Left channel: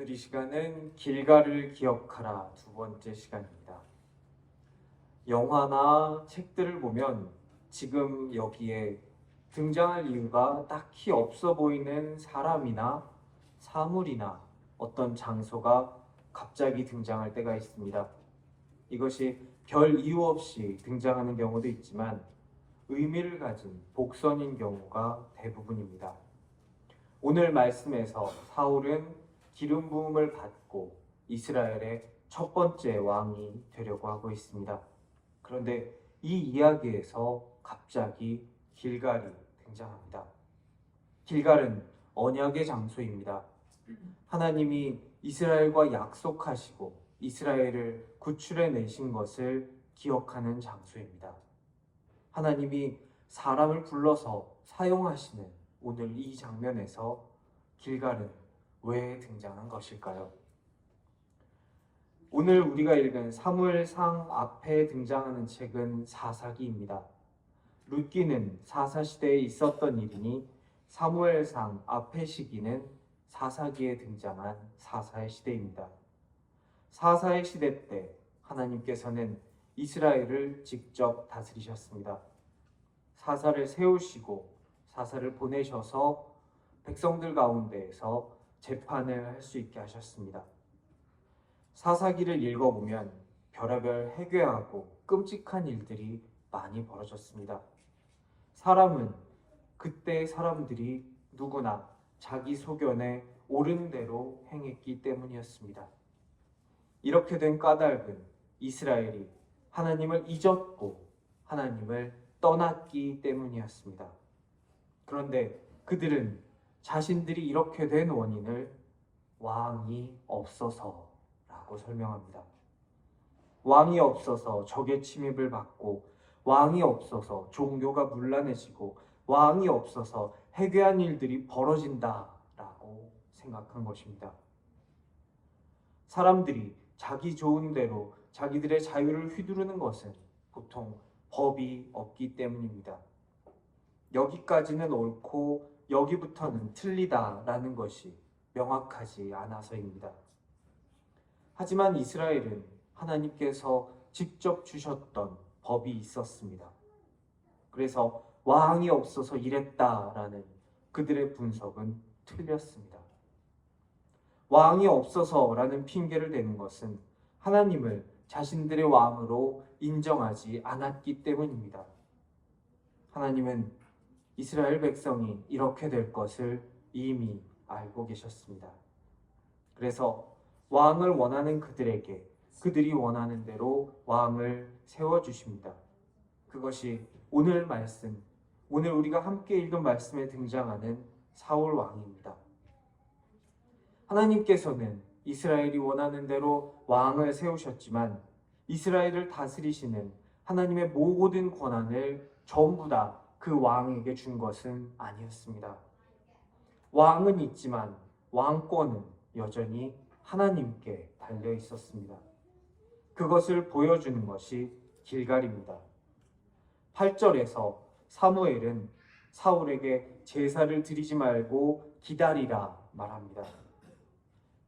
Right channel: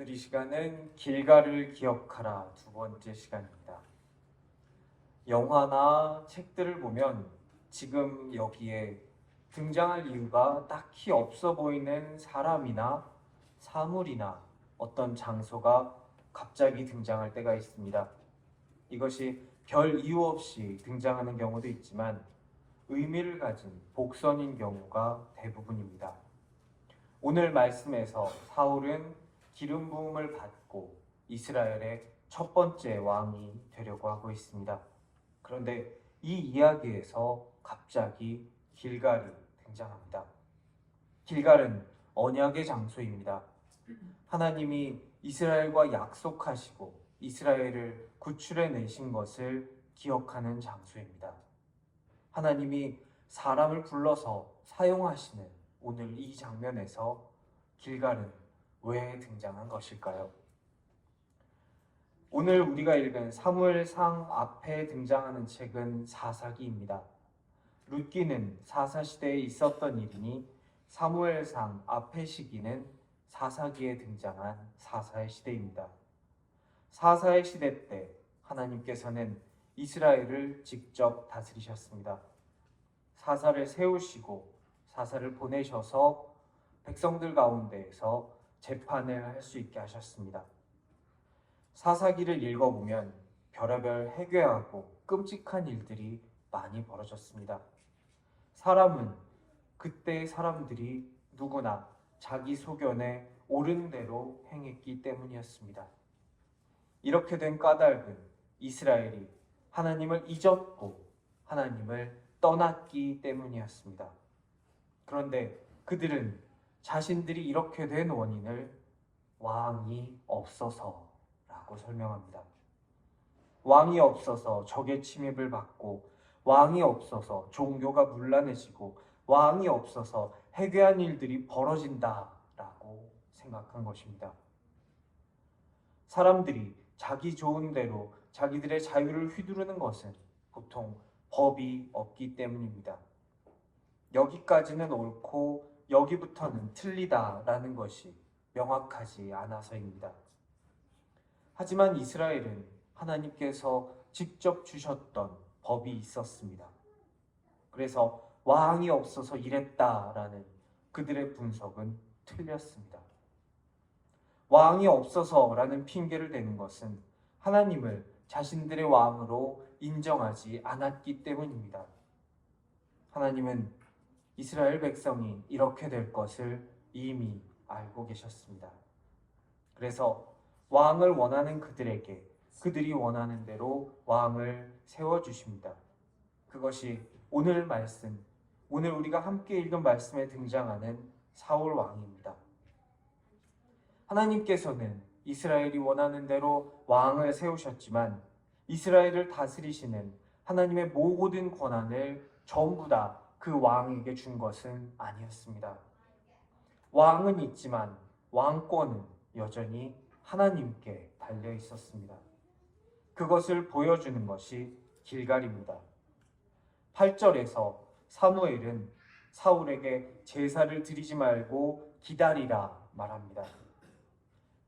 오늘 이 시간은 길가를 기억하라 두 번째 시간입니다. 영화나 책들을 보면 지금 여기에 등장할 이유가 딱히 없어 보이는 사람이나 사물이나 어떤 장소가 갑자기 등장할 때가 있습니다. 이것이 별 이유 없이 등장하는 경우도 있지만 의미를 가진 복선인 경우가 대부분입니다. 오늘 말씀에서 사울은 기름 부음을 받고 이스라엘의 첫 번째 왕이 되려고 하고 있습니다. 그런데 이 이야기에서 갑자기 길갈이 등장합니다. 길갈은 언약의 장소입니다. 하나님이 이스라엘과 약속하시고 이스라엘을 구출해 내신 것을 기억하는 장소입니다. 하나님이 사람을 불러서 사용하시는 오늘 이 장면에서 길갈은 왜 등장한 것일까요? 오늘 우리가 읽은 사무엘상 앞에 등장하는 책은 사사기입니다. 룻기는 사사시대에 있었던 일이니 사무엘상 앞의 시기는 사사기에 등장한 사사의 시대입니다. 사사의 시대 때 하나님께서는 이스라엘을 직접 다스리셨습니다. 사사를 세우시고 사사를 보내셔서 백성들 가운데에서 재판을 할 수 있게 하셨습니다. 사사기를 읽어보면 별의별 해괴하고 끔찍한 일들이 많이 벌어졌습니다. 사람은 그때의 사람들이 누구나 자기 소견에 옳은 대로 행했기 때문이었습니다. 이렇게 된 까닭은 이스라엘이 하나님을 잊었고 하나님을 떠났기 때문이었습니다. 그런데 그들은 자신들이 이렇게 된 원인을 왕이 없어서라고 설명합니다. 왕이 없어서 적의 침입을 받고, 왕이 없어서 종교가 문란해지고, 왕이 없어서 해괴한 일들이 벌어진다라고 생각한 것입니다. 사람들이 자기 좋은 대로 자기들의 자유를 휘두르는 것은 보통 법이 없기 때문입니다. 여기까지는 옳고 여기부터는 틀리다라는 것이 명확하지 않아서입니다. 하지만 이스라엘은 하나님께서 직접 주셨던 법이 있었습니다. 그래서 왕이 없어서 이랬다라는 그들의 분석은 틀렸습니다. 왕이 없어서라는 핑계를 대는 것은 하나님을 자신들의 왕으로 인정하지 않았기 때문입니다. 하나님은 이스라엘 백성이 이렇게 될 것을 이미 알고 계셨습니다. 그래서 왕을 원하는 그들에게 그들이 원하는 대로 왕을 세워주십니다. 그것이 오늘 말씀, 오늘 우리가 함께 읽은 말씀에 등장하는 사울 왕입니다. 하나님께서는 이스라엘이 원하는 대로 왕을 세우셨지만 이스라엘을 다스리시는 하나님의 모든 권한을 전부 다 그 왕에게 준 것은 아니었습니다. 왕은 있지만 왕권은 여전히 하나님께 달려 있었습니다. 그것을 보여주는 것이 길갈입니다. 8절에서 사무엘은 사울에게 제사를 드리지 말고 기다리라 말합니다.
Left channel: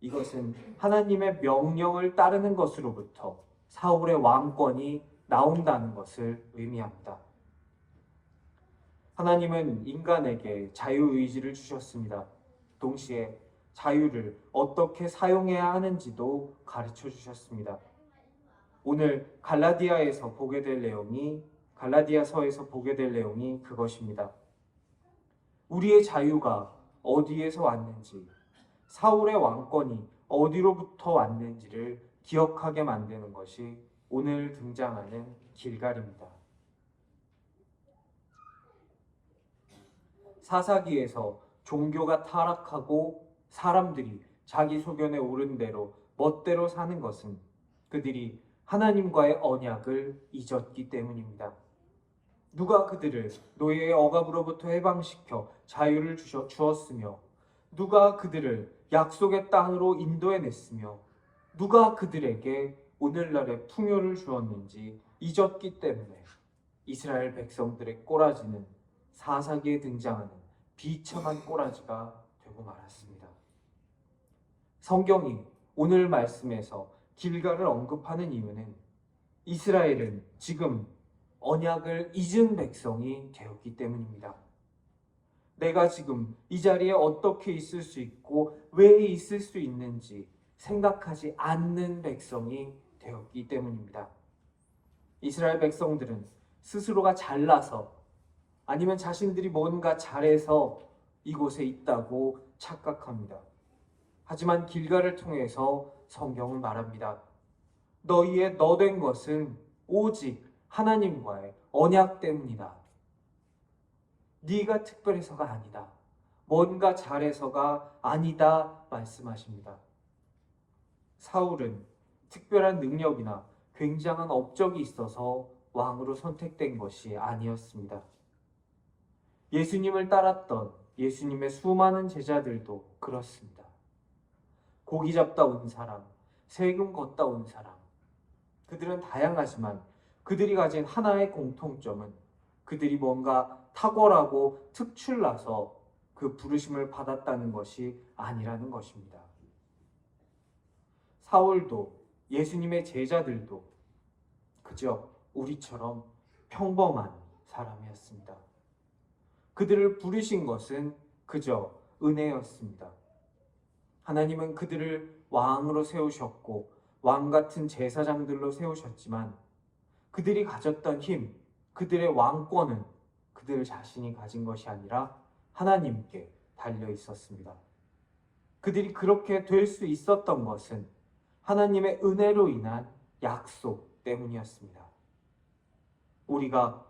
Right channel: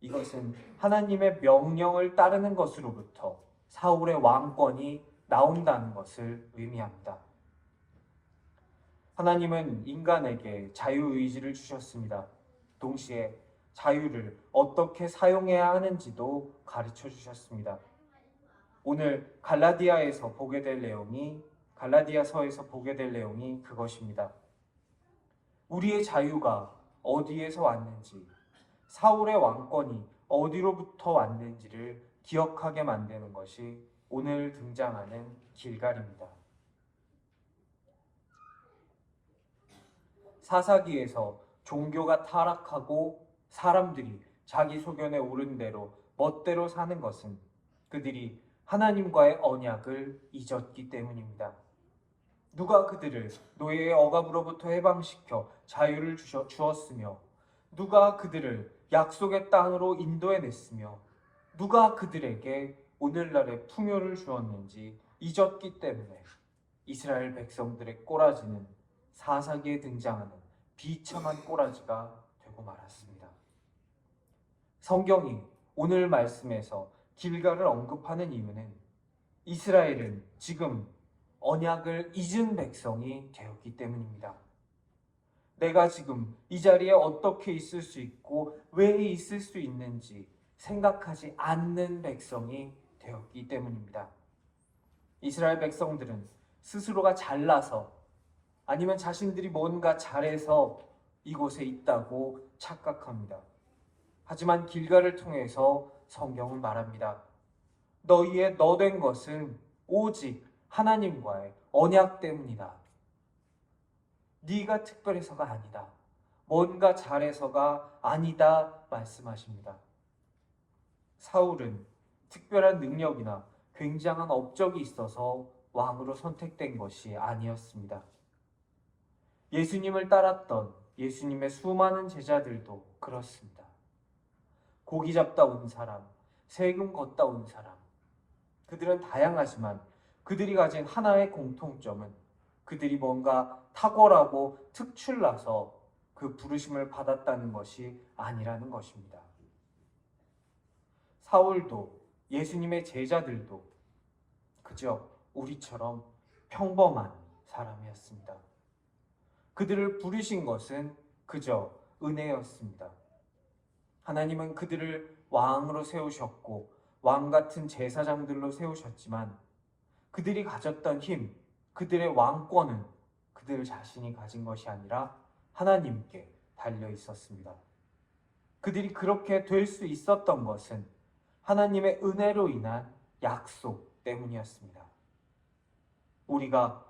이것은 하나님의 명령을 따르는 것으로부터 사울의 왕권이 나온다는 것을 의미합니다. 하나님은 인간에게 자유의지를 주셨습니다. 동시에 자유를 어떻게 사용해야 하는지도 가르쳐 주셨습니다. 오늘 갈라디아서에서 보게 될 내용이 그것입니다. 우리의 자유가 어디에서 왔는지, 사울의 왕권이 어디로부터 왔는지를 기억하게 만드는 것이 오늘 등장하는 길갈입니다. 사사기에서 종교가 타락하고 사람들이 자기 소견에 옳은 대로 멋대로 사는 것은 그들이 하나님과의 언약을 잊었기 때문입니다. 누가 그들을 노예의 억압으로부터 해방시켜 자유를 주었으며, 누가 그들을 약속의 땅으로 인도해냈으며, 누가 그들에게 오늘날의 풍요를 주었는지 잊었기 때문에 이스라엘 백성들의 꼬라지는 사사기에 등장하는 비참한 꼬라지가 되고 말았습니다. 성경이 오늘 말씀에서 길갈을 언급하는 이유는 이스라엘은 지금 언약을 잊은 백성이 되었기 때문입니다. 내가 지금 이 자리에 어떻게 있을 수 있고 왜 있을 수 있는지 생각하지 않는 백성이 되었기 때문입니다. 이스라엘 백성들은 스스로가 잘나서 아니면 자신들이 뭔가 잘해서 이곳에 있다고 착각합니다. 하지만 길갈을 통해서 성경은 말합니다. 너희의 너된 것은 오직 하나님과의 언약 때문이다. 네가 특별해서가 아니다. 뭔가 잘해서가 아니다 말씀하십니다. 사울은 특별한 능력이나 굉장한 업적이 있어서 왕으로 선택된 것이 아니었습니다. 예수님을 따랐던 예수님의 수많은 제자들도 그렇습니다. 고기 잡다 온 사람, 세금 걷다 온 사람, 그들은 다양하지만 그들이 가진 하나의 공통점은 그들이 뭔가 탁월하고 특출나서 그 부르심을 받았다는 것이 아니라는 것입니다. 사울도 예수님의 제자들도 그저 우리처럼 평범한 사람이었습니다. 그들을 부르신 것은 그저 은혜였습니다. 하나님은 그들을 왕으로 세우셨고 왕 같은 제사장들로 세우셨지만 그들이 가졌던 힘, 그들의 왕권은 그들 자신이 가진 것이 아니라 하나님께 달려 있었습니다. 그들이 그렇게 될 수 있었던 것은 하나님의 은혜로 인한 약속 때문이었습니다. 우리가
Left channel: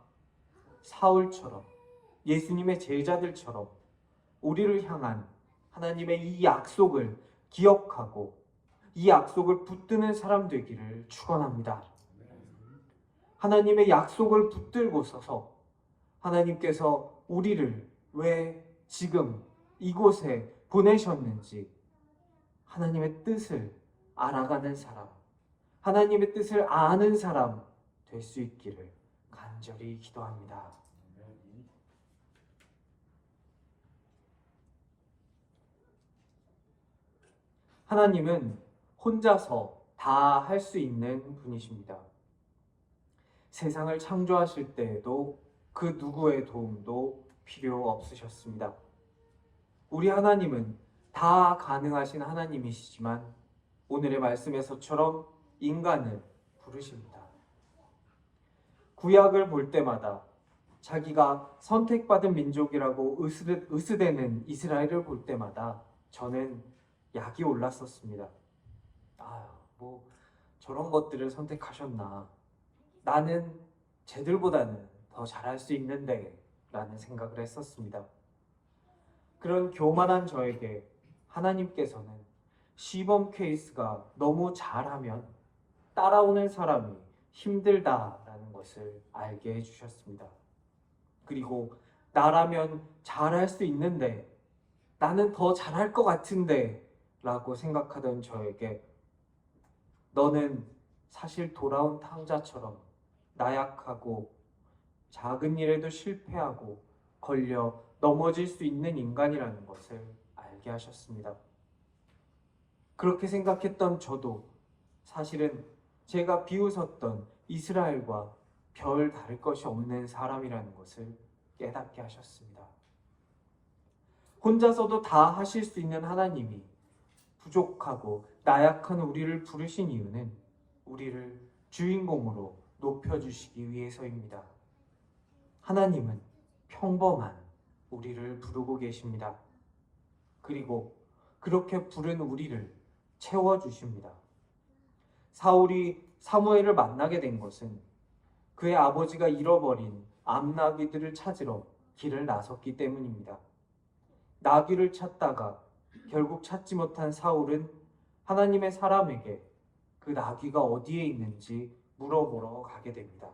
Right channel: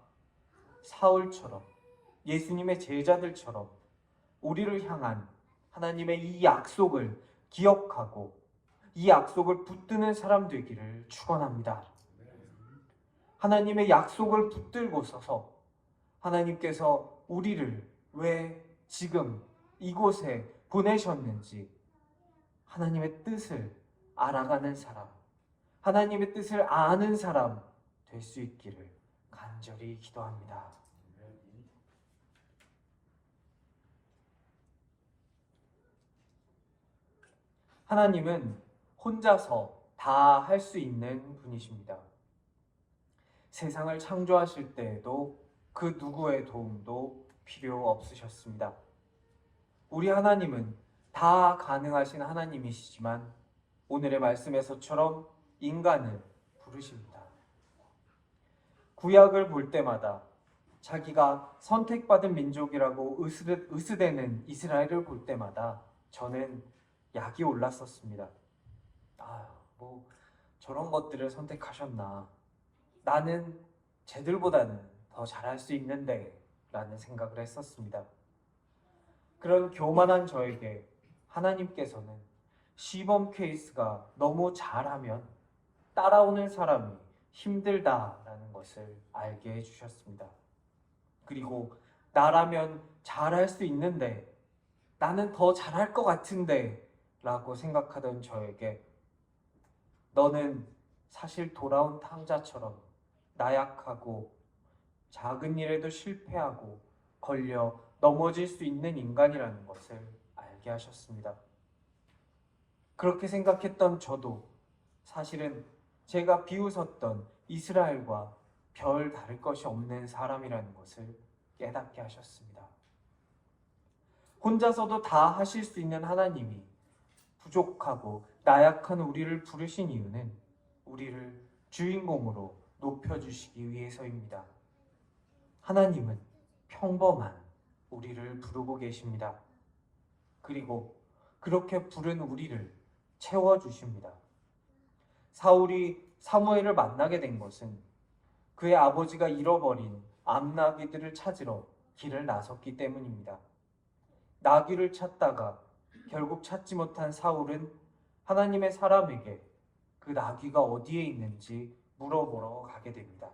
사울처럼 예수님의 제자들처럼 우리를 향한 하나님의 이 약속을 기억하고 이 약속을 붙드는 사람 되기를 축원합니다. 하나님의 약속을 붙들고 서서 하나님께서 우리를 왜 지금 이곳에 보내셨는지 하나님의 뜻을 알아가는 사람, 하나님의 뜻을 아는 사람 될 수 있기를 간절히 기도합니다. 하나님은 혼자서 다 할 수 있는 분이십니다. 세상을 창조하실 때에도 그 누구의 도움도 필요 없으셨습니다. 우리 하나님은 다 가능하신 하나님이시지만 오늘의 말씀에서처럼 인간을 부르십니다. 구약을 볼 때마다 자기가 선택받은 민족이라고 으스대는 이스라엘을 볼 때마다 저는 약이 올랐었습니다. 뭐 저런 것들을 선택하셨나. 나는 쟤들보다는 더 잘할 수 있는데 라는 생각을 했었습니다. 그런 교만한 저에게 하나님께서는 시범 케이스가 너무 잘하면 따라오는 사람이 힘들다라는 것을 알게 해주셨습니다. 그리고 나라면 잘할 수 있는데 나는 더 잘할 것 같은데 라고 생각하던 저에게 너는 사실 돌아온 탕자처럼 나약하고 작은 일에도 실패하고 걸려 넘어질 수 있는 인간이라는 것을 알게 하셨습니다. 그렇게 생각했던 저도 사실은 제가 비웃었던 이스라엘과 별 다를 것이 없는 사람이라는 것을 깨닫게 하셨습니다. 혼자서도 다 하실 수 있는 하나님이 부족하고 나약한 우리를 부르신 이유는 우리를 주인공으로 높여주시기 위해서입니다. 하나님은 평범한 우리를 부르고 계십니다. 그리고 그렇게 부른 우리를 채워주십니다. 사울이 사무엘을 만나게 된 것은 그의 아버지가 잃어버린 암나귀들을 찾으러 길을 나섰기 때문입니다. 나귀를 찾다가 결국 찾지 못한 사울은 하나님의 사람에게 그 나귀가 어디에 있는지 물어보러 가게 됩니다.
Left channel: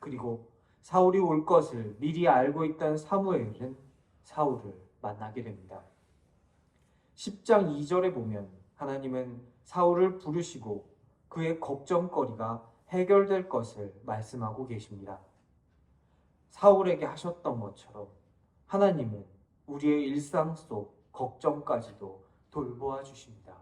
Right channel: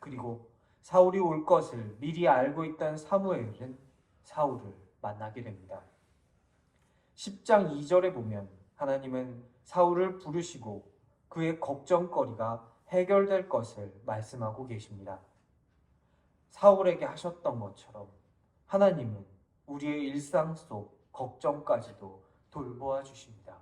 그리고 사울이 올 것을 미리 알고 있던 사무엘은 사울을 만나게 됩니다. 10장 2절에 보면 하나님은 사울을 부르시고 그의 걱정거리가 해결될 것을 말씀하고 계십니다. 사울에게 하셨던 것처럼 하나님은 우리의 일상 속 걱정까지도 돌보아 주십니다.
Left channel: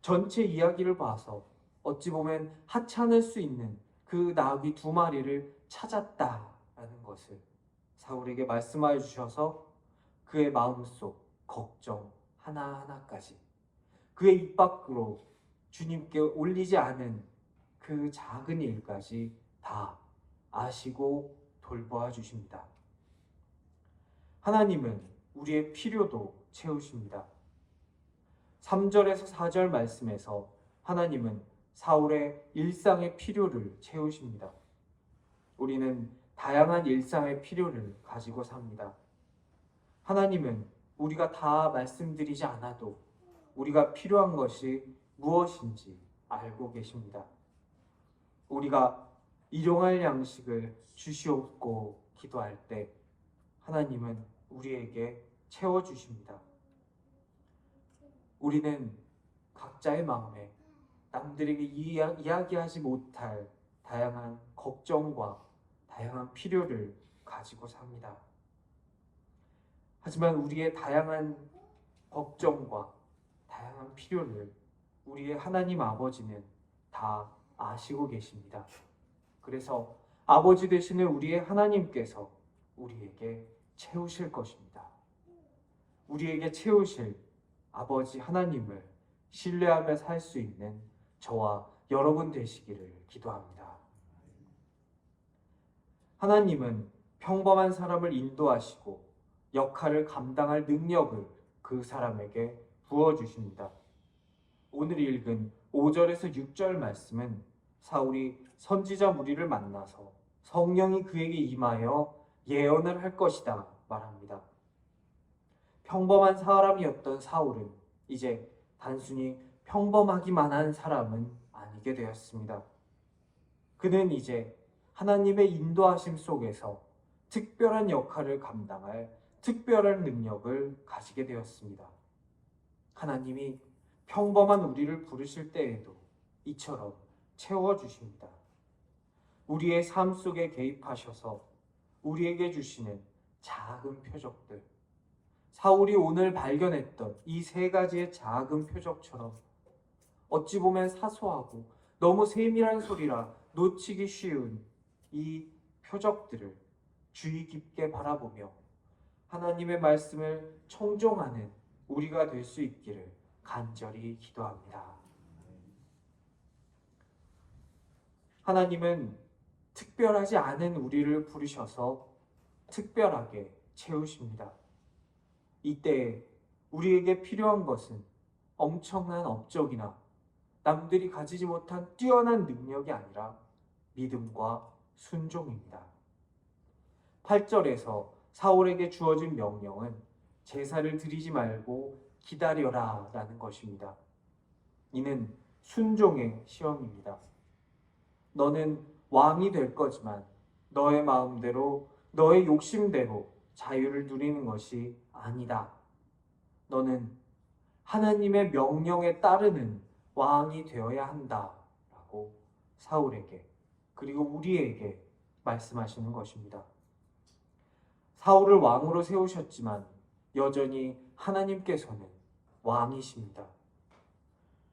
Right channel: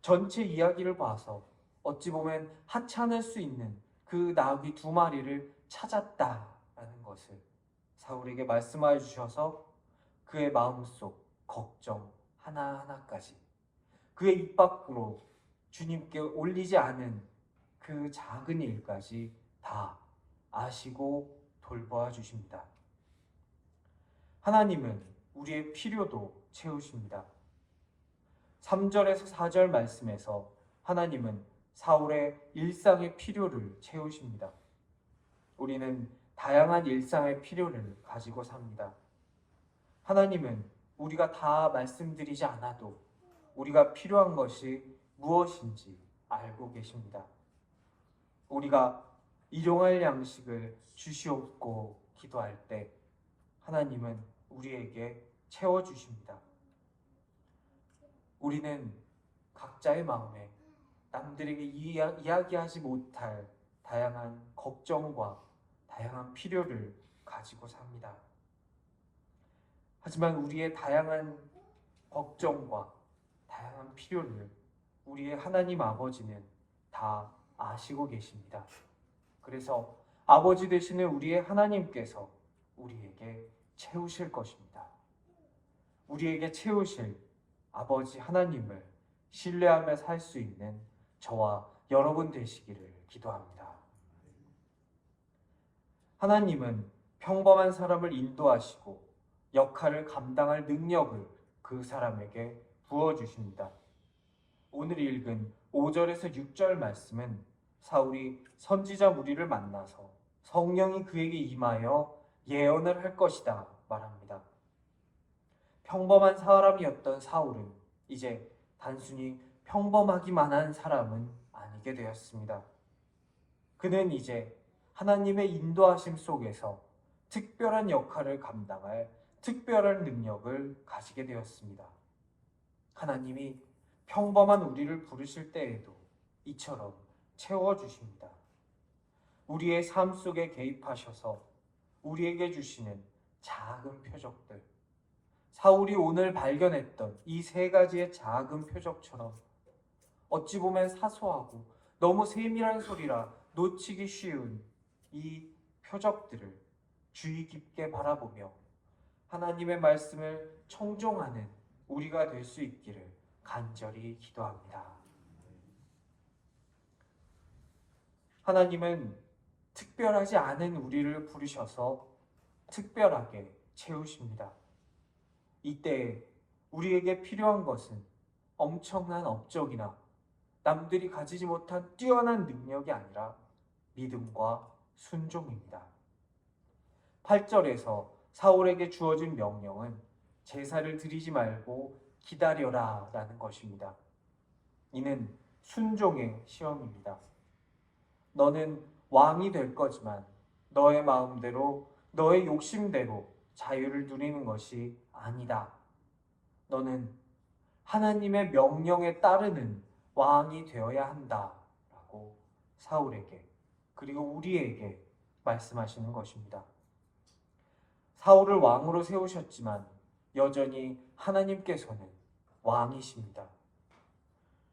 전체 이야기를 봐서 어찌 보면 하찮을 수 있는 그 나귀 2마리를 찾았다라는 것을 사울에게 말씀하여 주셔서 그의 마음속 걱정 하나하나까지 그의 입 밖으로 주님께 올리지 않은 그 작은 일까지 다 아시고 돌보아 주십니다. 하나님은 우리의 필요도 채우십니다. 3절에서 4절 말씀에서 하나님은 사울의 일상의 필요를 채우십니다. 우리는 다양한 일상의 필요를 가지고 삽니다. 하나님은 우리가 다 말씀드리지 않아도 우리가 필요한 것이 무엇인지 알고 계십니다. 우리가 일용할 양식을 주시옵고 기도할 때 하나님은 우리에게 채워주십니다. 우리는 각자의 마음에 남들에게 이야기하지 못할 다양한 걱정과 다양한 필요를 가지고 삽니다. 하지만 우리의 다양한 걱정과 다양한 필요를 우리의 하나님 아버지는 다 아시고 계십니다. 그래서 아버지 되시는 우리의 하나님께서 우리에게 채우실 것입니다. 우리에게 채우실 아버지 하나님을 신뢰하며 살 수 있는 저와 여러분 되시기를 기도합니다. 하나님은 평범한 사람을 인도하시고 역할을 감당할 능력을 그 사람에게 부어주십니다. 오늘 읽은 5절에서 6절 말씀은 사울이 선지자 무리를 만나서 성령이 그에게 임하여 예언을 할 것이다 말합니다. 평범한 사람이었던 사울은 이제 단순히 평범하기만 한 사람은 아니게 되었습니다. 그는 이제 하나님의 인도하심 속에서 특별한 역할을 감당할 특별한 능력을 가지게 되었습니다. 하나님이 평범한 우리를 부르실 때에도 이처럼 채워주십니다. 우리의 삶 속에 개입하셔서 우리에게 주시는 작은 표적들, 사울이 오늘 발견했던 이 3가지의 작은 표적처럼 어찌 보면 사소하고 너무 세밀한 소리라 놓치기 쉬운 이 표적들을 주의 깊게 바라보며 하나님의 말씀을 청종하는 우리가 될 수 있기를 간절히 기도합니다. 하나님은 특별하지 않은 우리를 부르셔서 특별하게 채우십니다. 이때 우리에게 필요한 것은 엄청난 업적이나 남들이 가지지 못한 뛰어난 능력이 아니라 믿음과 순종입니다. 8절에서 사울에게 주어진 명령은 제사를 드리지 말고 기다려라 라는 것입니다. 이는 순종의 시험입니다. 너는 왕이 될 거지만 너의 마음대로 너의 욕심대로 자유를 누리는 것이 아니다. 너는 하나님의 명령에 따르는 왕이 되어야 한다 라고 사울에게 그리고 우리에게 말씀하시는 것입니다. 사울을 왕으로 세우셨지만 여전히 하나님께서는 왕이십니다.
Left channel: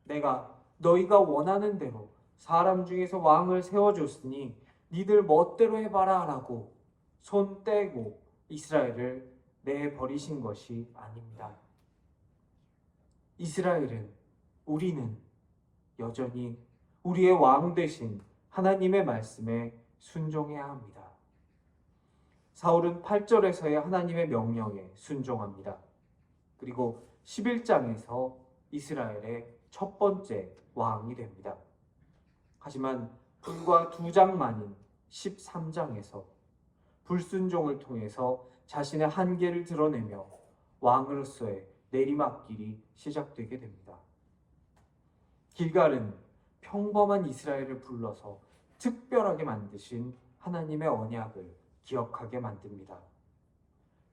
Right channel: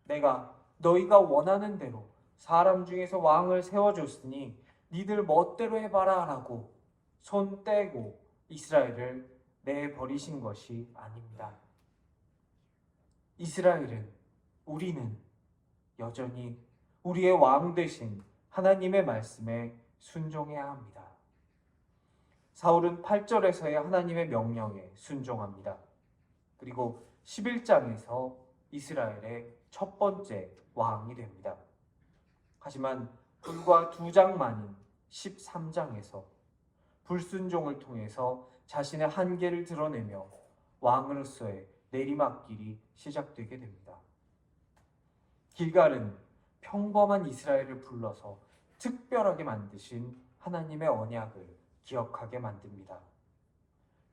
내가 너희가 원하는 대로 사람 중에서 왕을 세워줬으니 니들 멋대로 해봐라 라고 손 떼고 이스라엘을 내버리신 것이 아닙니다. 이스라엘은, 우리는 여전히 우리의 왕 되신 하나님의 말씀에 순종해야 합니다. 사울은 8절에서의 하나님의 명령에 순종합니다. 그리고 11장에서 이스라엘의 첫 번째 왕이 됩니다. 하지만 불과 2장 만인 13장에서 불순종을 통해서 자신의 한계를 드러내며 왕으로서의 내리막길이 시작되게 됩니다. 길갈은 평범한 이스라엘을 불러서 특별하게 만드신 하나님의 언약을 기억하게 만듭니다.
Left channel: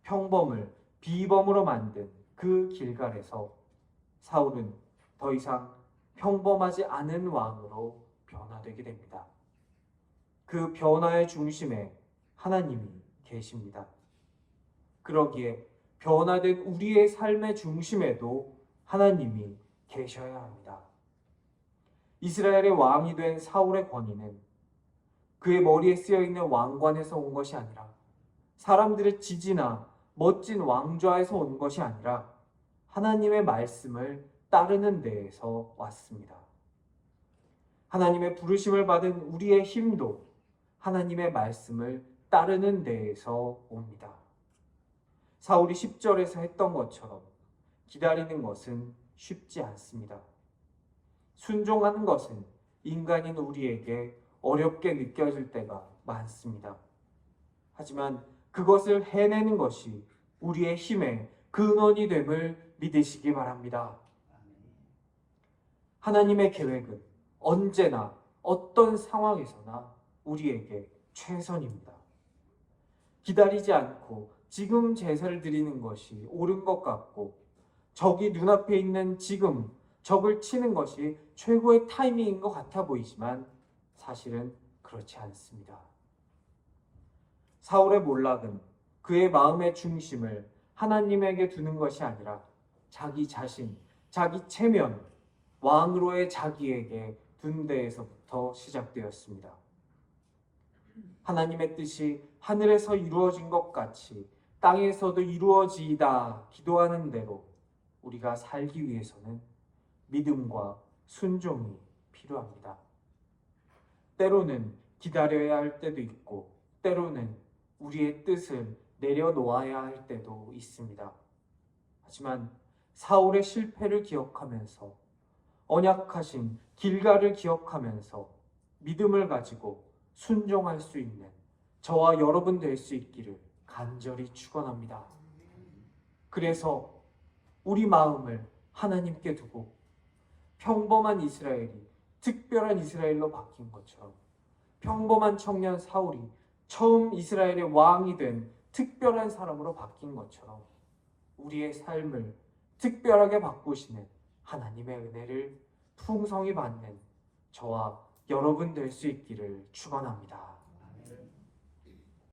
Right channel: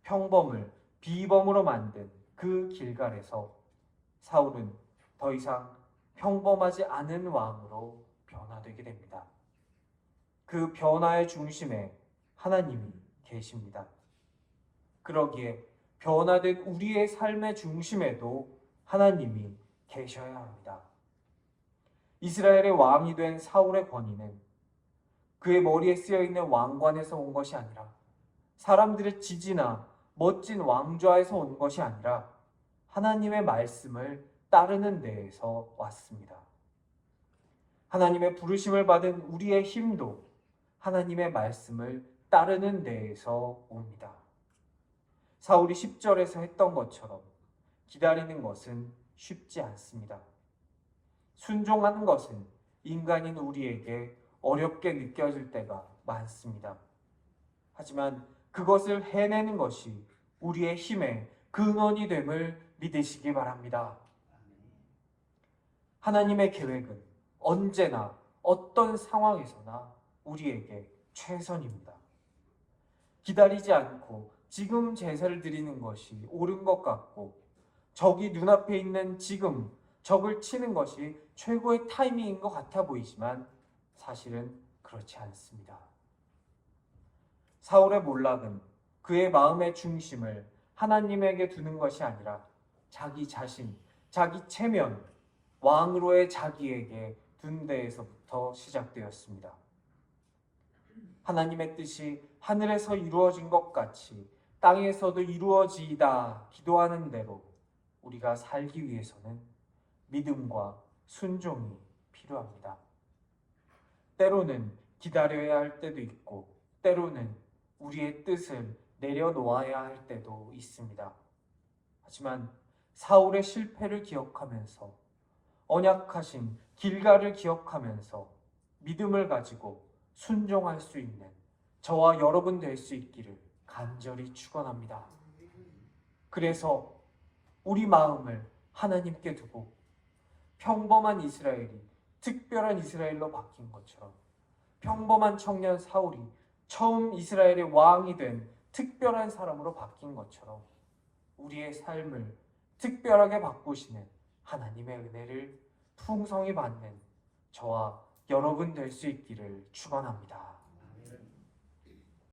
평범을 비범으로 만든 그 길갈에서 사울은 더 이상 평범하지 않은 왕으로 변화되게 됩니다. 그 변화의 중심에 하나님이 계십니다. 그러기에 변화된 우리의 삶의 중심에도 하나님이 계셔야 합니다. 이스라엘의 왕이 된 사울의 권위는 그의 머리에 쓰여 있는 왕관에서 온 것이 아니라 사람들의 지지나 멋진 왕좌에서 온 것이 아니라 하나님의 말씀을 따르는 데에서 왔습니다. 하나님의 부르심을 받은 우리의 힘도 하나님의 말씀을 따르는 데에서 옵니다. 사울이 10절에서 했던 것처럼 기다리는 것은 쉽지 않습니다. 순종하는 것은 인간인 우리에게 어렵게 느껴질 때가 많습니다. 하지만 그것을 해내는 것이 우리의 힘의 근원이 됨을 믿으시기 바랍니다. 하나님의 계획은 언제나 어떤 상황에서나 우리에게 최선입니다. 기다리지 않고 지금 제사를 드리는 것이 옳은 것 같고 적이 눈앞에 있는 지금 적을 치는 것이 최고의 타이밍인 것 같아 보이지만 사실은 그렇지 않습니다. 사울의 몰락은 그의 마음의 중심을 하나님에게 두는 것이 아니라 자기 자신, 자기 체면, 왕으로의 자기에게 둔 데에서부터 시작되었습니다. 하나님의 뜻이 하늘에서 이루어진 것 같이 땅에서도 이루어지이다 기도하는 대로 우리가 살기 위해서는 믿음과 순종이 필요합니다. 때로는 기다려야 할 때도 있고 때로는 우리의 뜻을 내려놓아야 할 때도 있습니다. 하지만 사울의 실패를 기억하면서 언약하신 길갈을 기억하면서 믿음을 가지고 순종할 수 있는 저와 여러분 될 수 있기를 간절히 축원합니다. 그래서 우리 마음을 하나님께 두고 평범한 이스라엘이 특별한 이스라엘로 바뀐 것처럼 평범한 청년 사울이 처음 이스라엘의 왕이 된 특별한 사람으로 바뀐 것처럼 우리의 삶을 특별하게 바꾸시는 하나님의 은혜를 풍성히 받는 저와 여러분 될 수 있기를 축원합니다.